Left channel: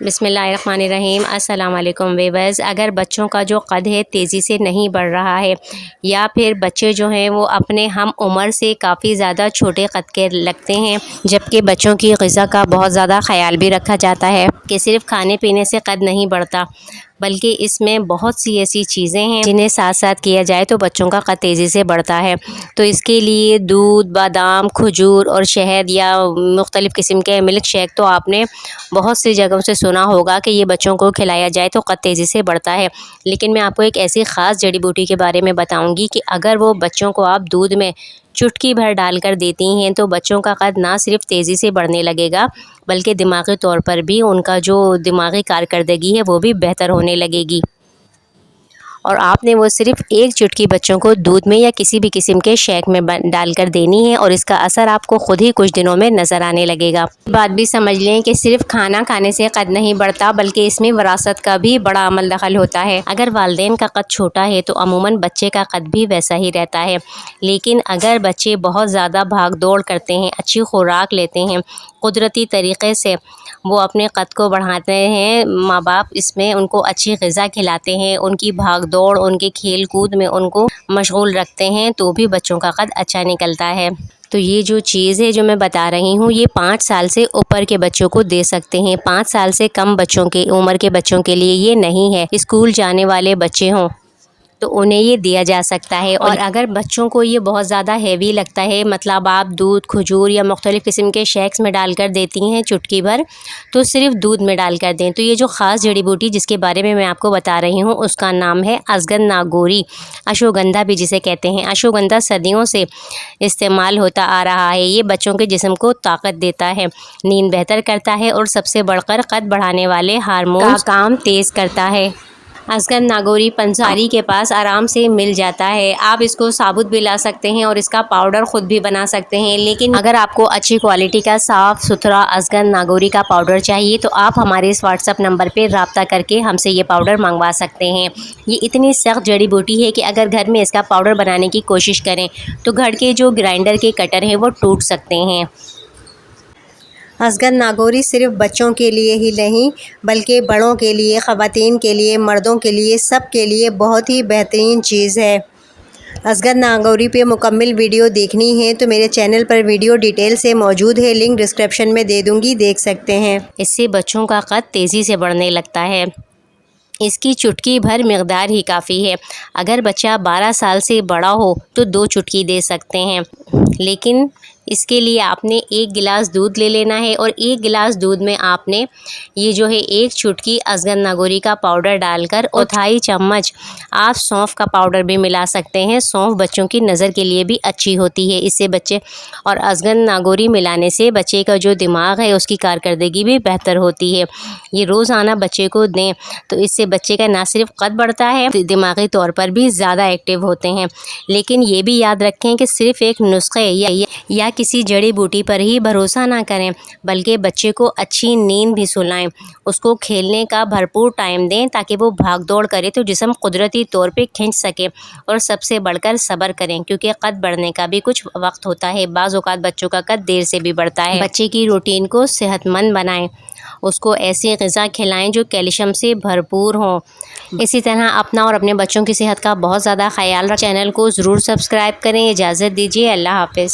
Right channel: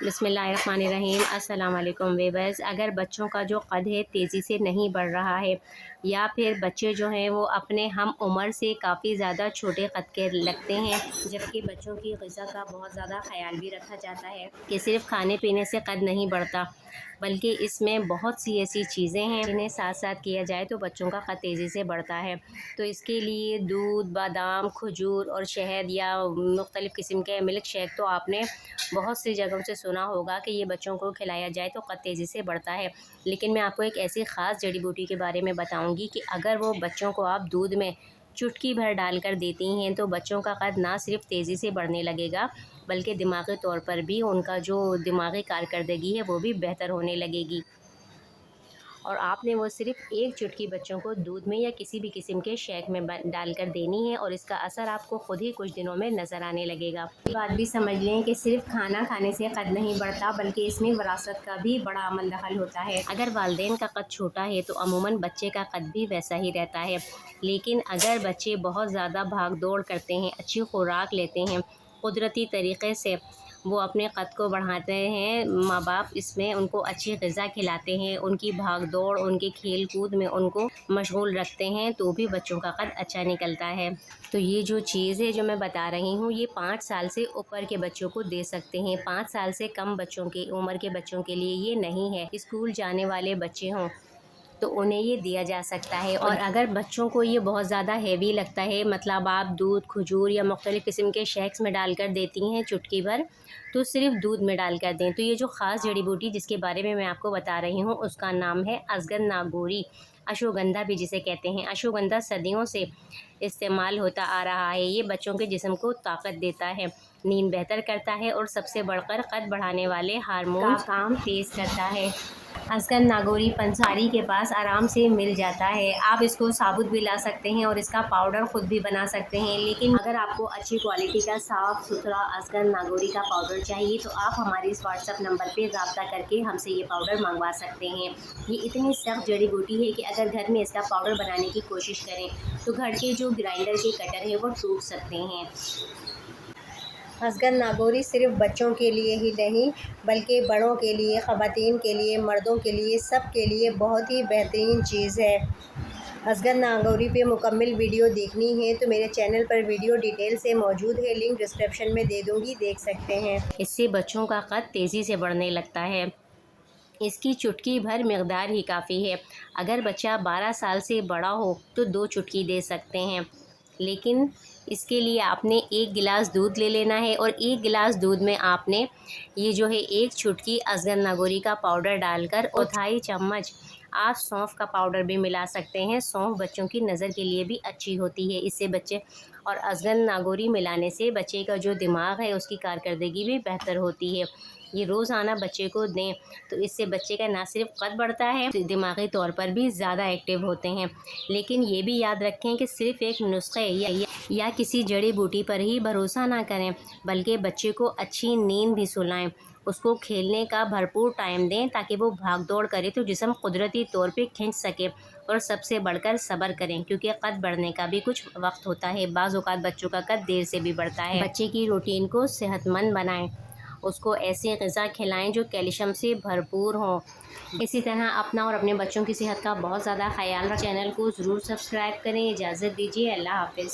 بسم اللہ الرحمن الرحیم۔ السلام علیکم ویورز۔ اگر بچوں کا جو قد ہے تیزی سے نہیں بڑھ رہا ہے یا پھر بچے جو ہیں وہ اپنے ہم عمر سے کافی زیادہ چھوٹے قد کے لگتے ہیں، جبکہ بچوں کی غذا کا بہت زیادہ خیال بھی رکھا جاتا ہے کہ صرف کھانے پینے سے قد نہیں بڑھتا، بلکہ اس میں بہت سی ایسی چیزیں ہیں جنہیں ساتھ ساتھ کیا جائے تو بچوں کا قد تیزی سے بڑھتا ہے۔ تو اس کے لیے دودھ، بادام، کھجور اور شہد یا مختلف قسم کے ملک شیک تو آپ نے بہت سی جگہوں سے سنا ہوگا کہ یہ بچوں کو کھلایا جائے تو قد تیزی سے بڑھتا ہے۔ لیکن میں آپ کو ایک ایسی خاص جڑی بوٹی کے بارے میں بتاؤں گی کہ اگر وہ بچوں کو آپ دودھ میں چٹکی بھر ڈال کر دیتی ہیں تو بچوں کا قد نہ صرف تیزی سے بڑھنے لگے گا، بلکہ دماغی طور پر بھی ان کا جو دماغی کارکردگی ہے وہ بھی بہتر ہونے لگے گی۔ اور آپ نے وہ صرف ایک چٹکی بچوں کو دودھ میں یا کسی بھی قسم کے شیک میں ڈال کر دینی ہے اور اس کا اثر آپ کو خود ہی کچھ دنوں میں نظر آنے لگے گا۔ بات بھی سمجھ لیں کہ صرف کھانا کھانے سے قد نہیں بڑھتا، بلکہ اس میں وراثت کا بھی بڑا عمل دخل ہوتا ہے۔ اگر والدین کا قد چھوٹا ہے تو عموماً بچے کا قد بھی ویسا ہی رہتا ہے، لیکن اگر بچے بہت زیادہ بھاگ دوڑ کرتے ہیں، اچھی خوراک لیتے ہیں، قدرتی طریقے سے وہ اپنے قد کو بڑھاتے ہیں، ماں باپ اس میں ان کو اچھی غذا کھلاتے ہیں، ان کی بھاگ دوڑ، ان کے کھیل کود میں ان کو مشغول رکھتے ہیں، تو بھی بچوں کا قد اچھا نکلتا ہے۔ تو یہ جو چیز ہے جو میں بتا رہی ہوں، یہ 5 سال سے اوپر کے بچوں کو دے سکتے ہیں۔ 5 سال سے کم بچوں کے عمر کے بچوں کے لیے یہ نہیں ہے۔ اسکول جانے والے بچے ہوں تو انہیں یہ دیا جا سکتا ہے، اور اگر بچوں کو یہ بہت زیادہ ہیوی لگتا ہے، مطلب آپ دودھ، کھجور یا مختلف قسم کے شیکس میں ڈال کر دیتی ہیں چٹکی بھر، تو صرف دودھ میں ڈال کر دیں۔ تو یہ جو خاص جڑی بوٹی جس کے بارے میں آپ کو بتا رہی ہوں اس کا نام ہے ازگن ناگوری، اشوگندھا بھی جسے کہتے ہیں۔ اشوگندھا صدیوں سے استعمال ہوتا آ رہا ہے۔ یہ بچوں کے جسم کو طاقت دیتا ہے، نیند بہتر کرتا ہے اور سب سے بڑھ کر قد بڑھانے والے ہارمونز کا کام تیز کرتا ہے۔ ازگن ناگوری پنساری کے پاس آرام سے مل جاتا ہے۔ آپ اس کو ثابت بھی لا سکتے ہیں اور اس کا پاؤڈر خود بھی بنا سکتے ہیں، لیکن اگر آپ کو اچھی کوالٹی کا صاف ستھرا ازگن ناگوری کا پاؤڈر چاہیے تو آپ ہمارے اس واٹس ایپ نمبر پہ رابطہ کر کے ہم سے یہ پاؤڈر منگوا سکتے ہیں۔ یہ اتنی سخت جڑی بوٹی ہے کہ اگر گھر میں اس کا پاؤڈر بنانے کی کوشش کریں تو گھر کے جو گرائنڈر کے کٹر ہیں وہ ٹوٹ سکتے ہیں۔ ازگن ناگوری صرف بچوں کے لیے ہی نہیں بلکہ بڑوں کے لیے، خواتین کے لیے، مردوں کے لیے، سب کے لیے بہت ہی بہترین چیز ہے۔ ازگن ناگوری پہ مکمل ویڈیو دیکھنی ہے تو میرے چینل پر ویڈیو ڈیٹیل سے موجود ہے، لنک ڈسکرپشن میں دے دوں گی، دیکھ سکتے ہیں۔ اس سے بچوں کا قد تیزی سے بڑھنے لگتا ہے۔ اس کی چٹکی بھر مقدار ہی کافی ہے۔ اگر بچہ 12 سال سے بڑا ہو تو 2 چٹکی دے سکتے ہیں، لیکن اس کے لیے آپ نے 1 گلاس دودھ لے لینا ہے اور 1 گلاس دودھ میں آپ نے یہ جو ہے 1 چٹکی ازگن ناگوری کا پاؤڈر ڈال کر 1/4 چمچ آپ سونف کا پاؤڈر بھی ملا سکتے ہیں۔ سونف بچوں کی نظر کے لیے بھی اچھی ہوتی ہے، اس سے بچے اور ازگن ناگوری ملانے سے بچے کا جو دماغ ہے اس کی کارکردگی بھی بہتر ہوتی ہے۔ یہ روزانہ بچے کو دیں تو اس سے بچے کا نہ صرف قد بڑھتا ہے، دماغی طور پر بھی زیادہ ایکٹیو ہوتے ہیں۔ لیکن یہ بھی یاد رکھیں کہ صرف ایک نسخے یا کسی جڑی بوٹی پر ہی بھروسہ نہ کریں، بلکہ بچے کو اچھی نیند بھی سلائیں، اس کو کھیلنے کا بھرپور ٹائم دیں تاکہ وہ بھاگ دوڑ کرے تو جسم قدرتی طور پہ کھنچ سکے، اور سب سے بڑھ کر صبر کریں کیونکہ قد بڑھنے کا بھی کچھ وقت ہوتا ہے۔ بعض اوقات بچوں کا قد دیر سے بھی بڑھتا ہے۔ بچے کی روٹین کو صحت مند بنائیں، اس کو ایسی غذا کھلائیں جو کیلشیم سے بھرپور ہوں۔ اسی طرح اپنا اور اپنے بچوں کی صحت کا بہت زیادہ خیال رکھیں۔ چینل کو ضرور سبسکرائب کریں۔ اجازت دیجیے، اللہ حافظ۔